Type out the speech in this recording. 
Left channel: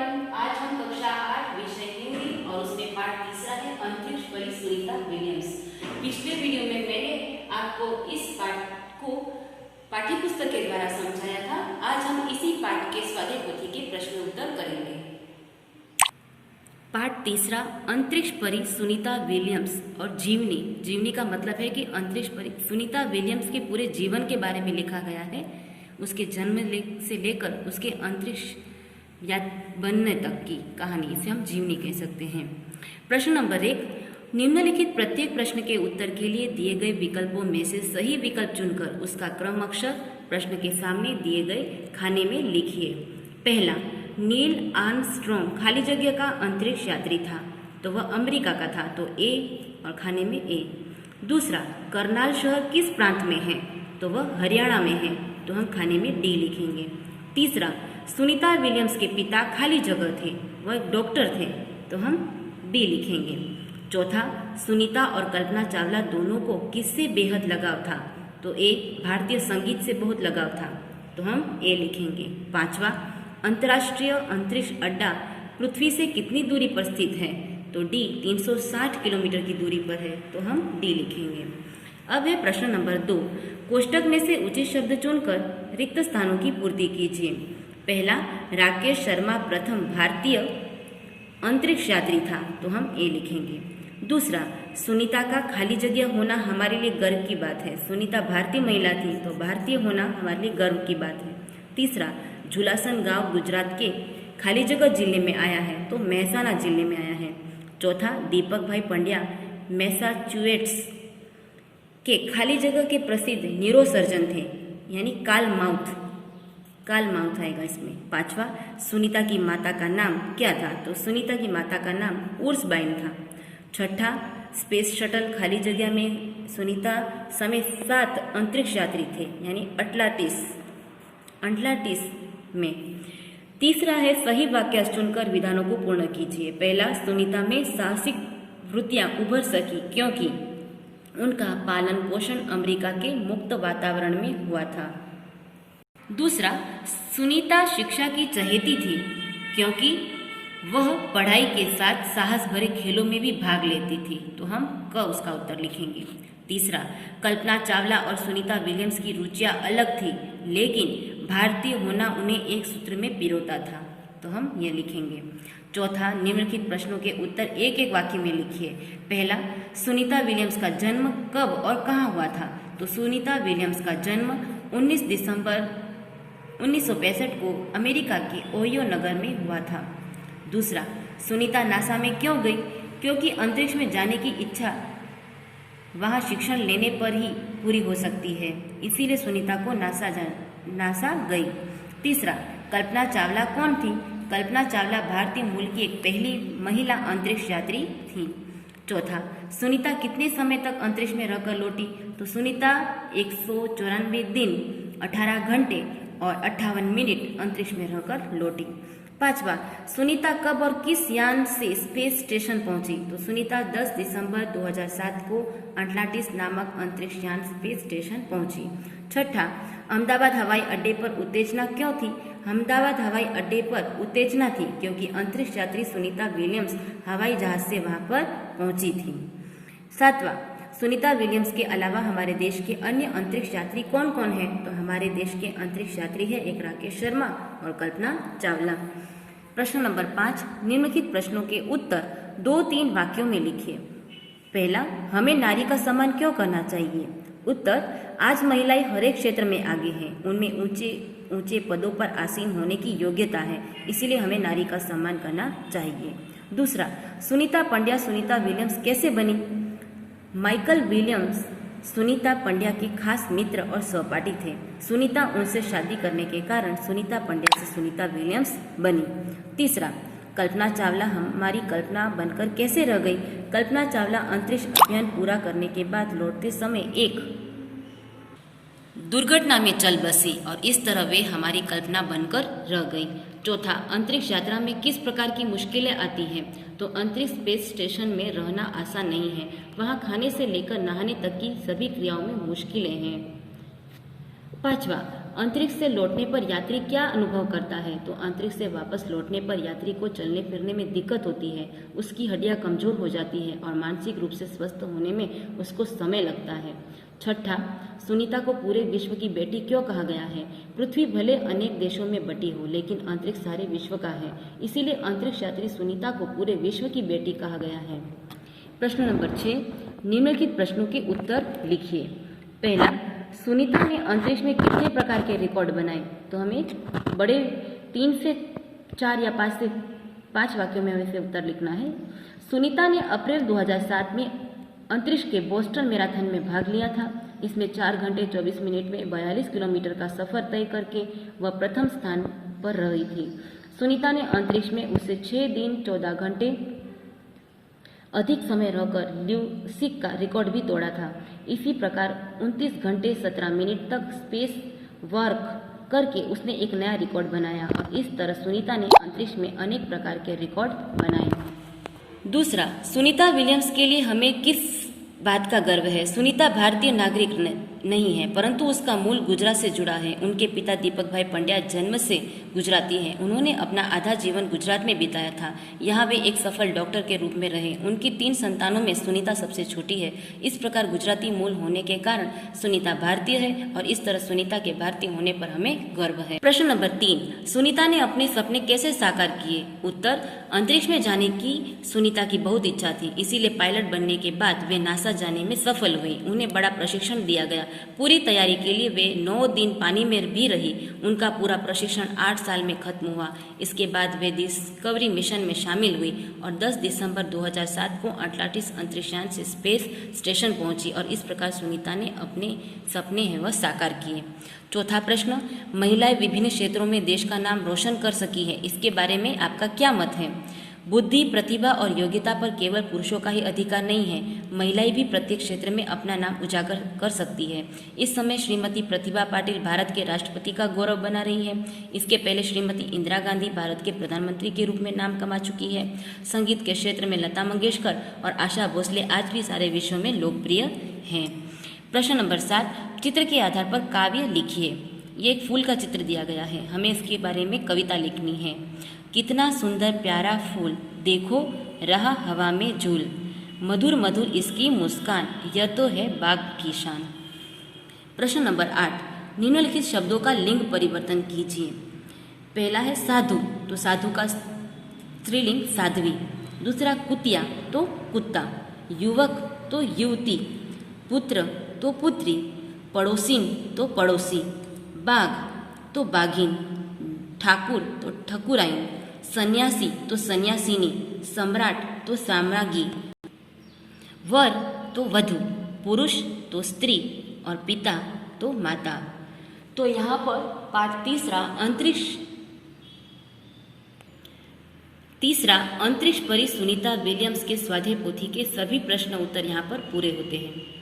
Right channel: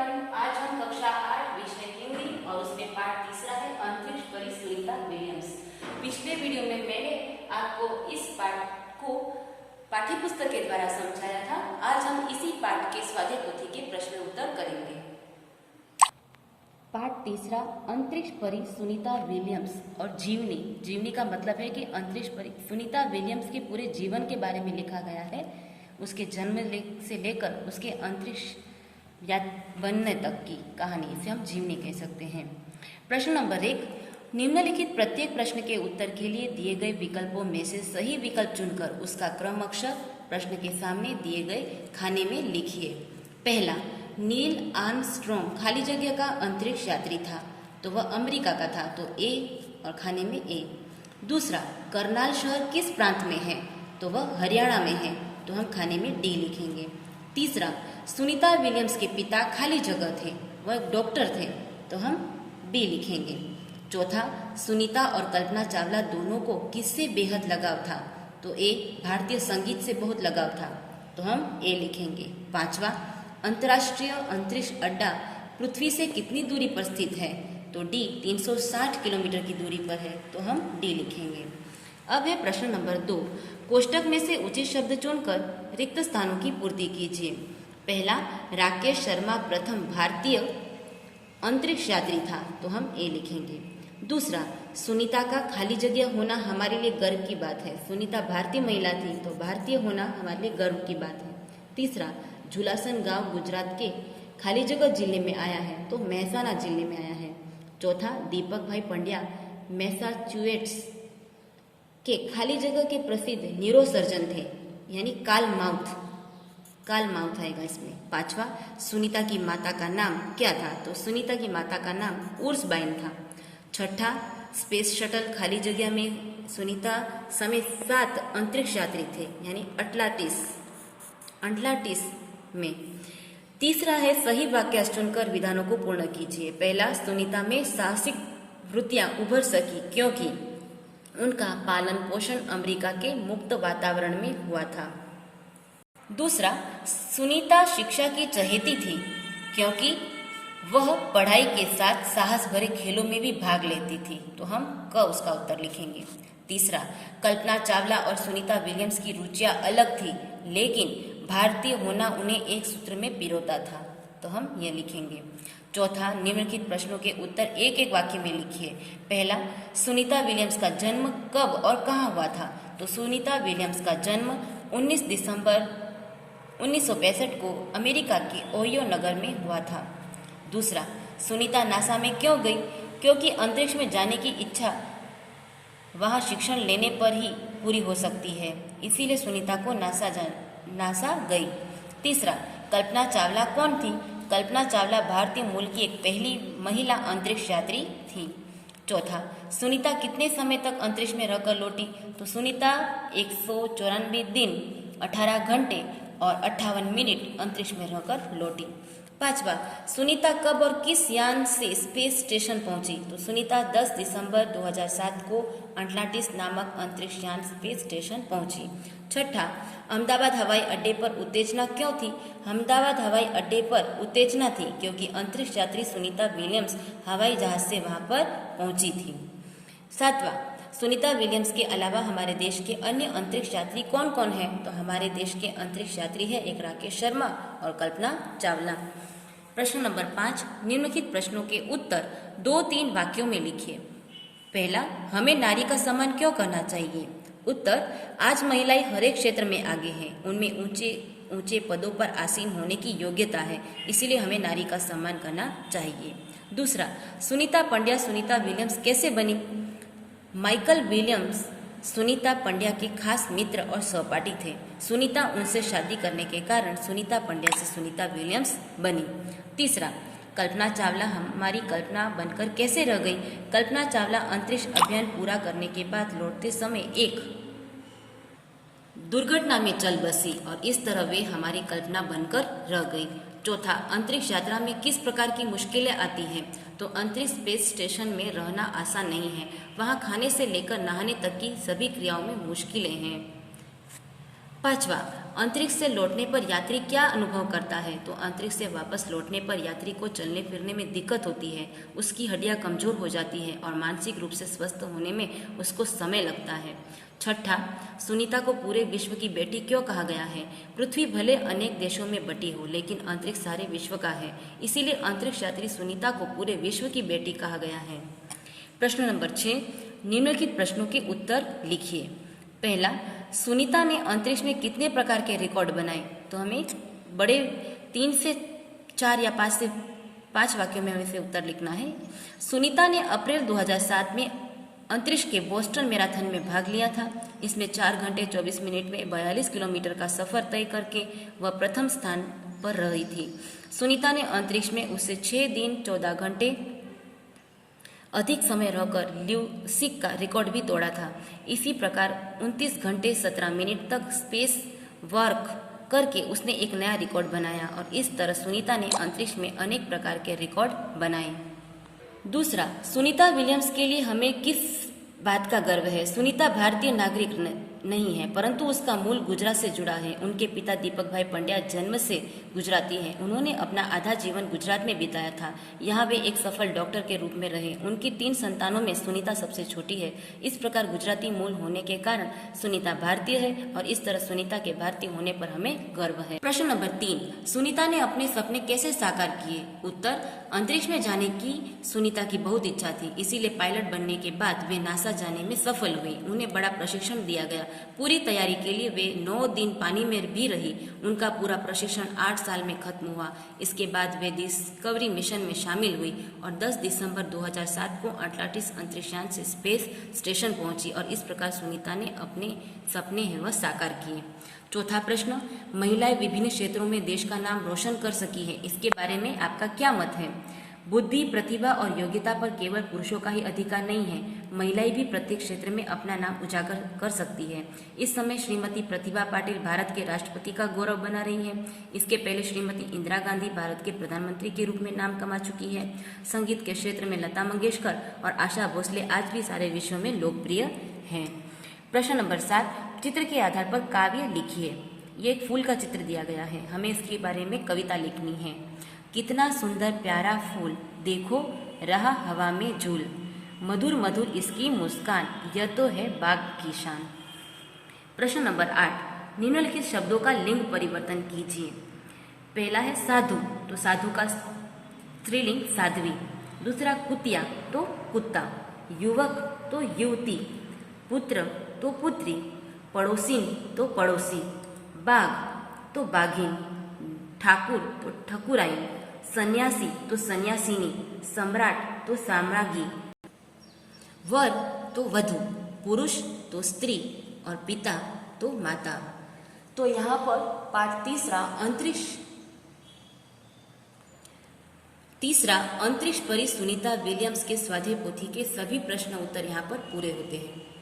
Everyone, आज हम कक्षा 8 विषय हिंदी और उसमें पाठ तीसरा है अंतरिक्ष परी सुनीता विलियम्स। पिछले वीडियो में मैंने आपको इस पाठ को पाठ्यपुस्तक के द्वारा समझाया था। आज हम इसी पाठ के स्वाध्याय पोथी के प्रश्न उत्तर करेंगे। पाठ तीसरा, अंतरिक्ष परी सुनीता विलियम्स और जीवनी। जीवनी का मतलब है कि अंतरिक्ष परी सुनीता विलियम्स के पूरे जीवन के बारे में लिखा गया है, उसके जन्म से लेकर उसके अंतरिक्ष बनने तक की कहानी, इसे हम जीवनी कह सकते हैं। प्रश्न नंबर 1, निम्नलिखित प्रत्येक प्रश्न के उत्तर के लिए दिए गए विकल्पों में से सही विकल्प चुनकर उसका क्रम अक्षर प्रश्न के सामने दिए गए खाने में लिखिए। पहला, नील आर्मस्ट्रॉन्ग खाली जगह का अंतरिक्ष यात्री था, तो वह अमेरिका का था, तो ए और खाने में ए। दूसरा, करनाल शहर किस प्रांत में है, तो वह हरियाणा में है, तो हम खाने में डी लिखेंगे। तीसरा, सुनीता विलियम्स के पिता खाली जगह थे, वह डॉक्टर थे, तो हम बी लिखेंगे। चौथा, सुनीता और कल्पना चावला दोनों को किससे बेहद लगाव था, तो ए भारतीय संगीत से बहुत लगाव था, तो हम ए लिखेंगे। पांचवा, अंतर्राष्ट्रीय अंतरिक्ष अड्डा पृथ्वी से कितनी दूरी पर स्थित है, तो डी 360 किलोमीटर की दूरी पर है, तो हम डी लिखेंगे। अब है प्रश्न नंबर 2, कोष्टक में से उचित शब्द चुनकर रिक्त स्थानों की पूर्ति कीजिए। पहला, राकेश शर्मा प्रथम भारतीय अंतरिक्ष यात्री था, तो हम ए लिखेंगे। दूसरा, सुनीता का खाली जगह होना हमारे लिए गर्व की बात है, सुनीता भारतीय महिला थी, तो भारतीय होना हमारे लिए गर्व की बात है। तीसरा, झुलासन गांव गुजरात के खाली जगह जिले में आया है, तो महसाना जिले में आया है। चौथा, दीपक भाई पंड्या मैसाचुसेट्स के खाली जगह के प्रसिद्ध न्यूरोसर्जन थे, यानी कार्ल माउथ आएगा इसमें। पांचवा, सुनीता की माता का नाम क्या था, तो सुनीता की माता का नाम उर्सबाइन था। छठा, स्पेस शटल खाली जगह में सुनीता समेत 7 अंतरिक्ष यात्री थे, यानी अटलांटिस में। तीसरा है, सही वाक्य चुनकर विधानों को पूर्ण कीजिए। पहला, सुनीता में साहसिक वृत्तियां उभर सकी क्योंकि उनका पालन पोषण अमेरिका के मुक्त वातावरण में हुआ था। दूसरा, सुनीता शिक्षा की चहेती थी क्योंकि वह पढ़ाई के साथ साहस भरे खेलों में भी भाग लेती थी, तो हम क उसका उत्तर लिखेंगे। तीसरा, कल्पना चावला और सुनीता विलियम्स की रुचियां अलग थी, लेकिन भारतीय होना उन्हें एक सूत्र में पिरोता था, तो हम ये लिखेंगे। चौथा, निम्नलिखित प्रश्नों के उत्तर एक एक वाक्य में लिखिए। पहला, सुनीता विलियम्स का जन्म कब और कहाँ हुआ था, तो सुनीता विलियम्स का जन्म 19 दिसंबर 1965 को अमेरिका के ओहियो नगर में हुआ था। दूसरा, सुनीता नासा में क्यों गई, क्योंकि अंतरिक्ष में जाने की इच्छा वहां शिक्षण लेने पर ही पूरी हो सकती है, इसीलिए सुनीता को नासा गई। तीसरा, कल्पना चावला कौन थी, कल्पना चावला भारतीय मूल की एक पहली महिला अंतरिक्ष यात्री थी। चौथा, सुनीता कितने समय तक अंतरिक्ष में रहकर लौटी, तो सुनीता 194 दिन 18 घंटे और 58 मिनट अंतरिक्ष में रहकर लौटी। पांचवा, सुनीता कब और किस यान से स्पेस स्टेशन पहुंची, तो सुनीता 10 दिसंबर 2007 को अटलांटिस नामक अंतरिक्ष यान स्पेस स्टेशन पहुंची। छठा, अहमदाबाद हवाई अड्डे पर उत्तेजना क्यों थी, अहमदाबाद हवाई अड्डे पर उत्तेजना थी क्योंकि अंतरिक्ष यात्री सुनीता विलियम्स हवाई जहाज से वहां पर पहुंची थी। सातवां, सुनीता विलियम्स के अलावा हमारे देश के अन्य अंतरिक्ष यात्री कौन कौन हैं, तो हमारे देश के अंतरिक्ष यात्री है एक राकेश शर्मा और कल्पना चावला। प्रश्न नंबर 5, निम्नलिखित प्रश्नों के उत्तर 2-3 वाक्यों में लिखिए। पहला, हमें नारी का सम्मान क्यों करना चाहिए, उत्तर, आज महिलाएं हर एक क्षेत्र में आगे हैं, उनमें ऊंचे पदों पर आसीन होने की योग्यता है, इसीलिए हमें नारी का सम्मान करना चाहिए। दूसरा, सुनीता पंड्या सुनीता विलियम्स कैसे बनी, माइकल विलियम्स सुनीता पंड्या के खास मित्र और सहपाठी थे, सुनीता उनसे शादी करने के कारण सुनीता पंड्या से सुनीता विलियम्स बनी। तीसरा, कल्पना चावला हमारी कल्पना बनकर कैसे रह गई, कल्पना चावला अंतरिक्ष अभियान पूरा करने के बाद लौटते समय एक दुर्घटना में चल बसी और इस तरह वे हमारी कल्पना बनकर रह गई। चौथा, अंतरिक्ष यात्रा में किस प्रकार की मुश्किलें आती हैं, तो अंतरिक्ष स्पेस स्टेशन में रहना आसान नहीं है, वहां खाने से लेकर नहाने तक की सभी क्रियाओं में मुश्किलें हैं। पांचवा, अंतरिक्ष से लौटने पर यात्री क्या अनुभव करता है? तो अंतरिक्ष से वापस लौटने पर यात्री को चलने फिरने में दिक्कत होती है, उसकी हड्डियां कमजोर हो जाती है और मानसिक रूप से स्वस्थ होने में उसको समय लगता है। छठा, सुनीता को पूरे विश्व की बेटी क्यों कहा गया है? पृथ्वी भले अनेक देशों में बटी हो, लेकिन अंतरिक्ष सारे विश्व का है, इसीलिए अंतरिक्ष यात्री सुनीता को पूरे विश्व की बेटी कहा गया है। प्रश्न नंबर 6, निम्नलिखित प्रश्नों के उत्तर लिखिए। पहला, सुनीता ने अंतरिक्ष में कितने प्रकार के रिकॉर्ड बनाए? तो हमें बड़े 3 से 4 या 5 से 5 वाक्यों में हमें से उत्तर लिखना है। सुनीता ने अप्रैल 2007 में अंतरिक्ष के बोस्टन मैराथन में भाग लिया था। इसमें 4 घंटे 24 मिनट में 42 किलोमीटर का सफर तय करके वह प्रथम स्थान पर रही थी। सुनीता ने अंतरिक्ष में उससे 6 दिन 14 घंटे अधिक समय रहकर ल्यूसिक का रिकॉर्ड भी तोड़ा था। इसी प्रकार 29 घंटे 17 मिनट तक स्पेस वर्क करके उसने एक नया रिकॉर्ड बनाया और इस तरह सुनीता ने अंतरिक्ष में अनेक प्रकार के रिकॉर्ड बनाए। दूसरा, सुनीता विलियम्स के लिए हमें किस बात का गर्व है? सुनीता भारतीय नागरिक नहीं है, परंतु उसका मूल गुजरात से जुड़ा है। उनके पिता दीपक भाई पंड्या जन्म से गुजराती हैं। उन्होंने अपना आधा जीवन गुजरात में बिताया था। यहाँ वे एक सफल डॉक्टर के रूप में रहे। उनकी 3 संतानों में सुनीता सबसे छोटी है। इस प्रकार गुजराती मूल होने के कारण सुनीता भारतीय है और इस तरह सुनीता के भारतीय होने पर हमें गर्व है। प्रश्न नंबर 3, सुनीता ने अपने सपने कैसे साकार किए? उत्तर, अंतरिक्ष में जाने की सुनीता की बहुत इच्छा थी, इसीलिए पायलट बनने के बाद वे नासा जाने में सफल हुई। उन्हें बड़ा प्रशिक्षण दिया गया। पूरी तैयारी के लिए वे 9 दिन पानी में भी रही। उनका पूरा प्रशिक्षण 8 साल में खत्म हुआ। इसके बाद वे डिस्कवरी मिशन में शामिल हुई और 10 दिसंबर 2007 को अटलांटिस अंतरिक्षयान से स्पेस स्टेशन पहुंची और इस प्रकार सुनीता ने अपने सपने हैं वह साकार किए। चौथा प्रश्न, महिलाएं विभिन्न क्षेत्रों में देश का नाम रोशन कर सकी है, इसके बारे में आपका क्या मत है? बुद्धि, प्रतिभा और योग्यता पर केवल पुरुषों का ही अधिकार नहीं है, महिलाएं भी प्रत्येक क्षेत्र में अपना नाम उजागर कर सकती है। इस समय श्रीमती प्रतिभा पाटिल भारत के राष्ट्रपति का गौरव बना रही है। इसके पहले श्रीमती इंदिरा गांधी भारत के प्रधानमंत्री के रूप में नाम कमा चुकी है। संगीत के क्षेत्र में लता मंगेशकर और आशा भोसले आज भी सारे विश्व में लोकप्रिय हैं। प्रश्न नंबर 7, चित्र के आधार पर काव्य लिखिए। ये एक फूल का चित्र दिया गया है, हमें इसके बारे में कविता लिखनी है। कितना सुंदर प्यारा फूल, देखो रहा हवा में झूल, मधुर मधुर इसकी मुस्कान, यह तो है बाग की शान। प्रश्न नंबर 8, निम्नलिखित शब्दों का लिंग परिवर्तन कीजिए। पहला है साधु, तो साधु का स्त्रीलिंग साध्वी। दूसरा कुतिया, तो कुत्ता। युवक, तो युवती। पुत्र, तो पुत्री। पड़ोसिन, तो पड़ोसी। बाघ, तो बाघिन। ठाकुर, तो ठकुराइन। सन्यासी, तो सन्यासिनी। सम्राट, तो साम्राज्ञी। वर, तो वधु। पुरुष, तो स्त्री और पिता, तो माता। तो यहाँ पर पाठ तीसरा अंतरिक्ष परी सुनीता विलियम्स के स्वाध्याय पोथी के सभी प्रश्न उत्तर यहाँ पर पूरे होते हैं।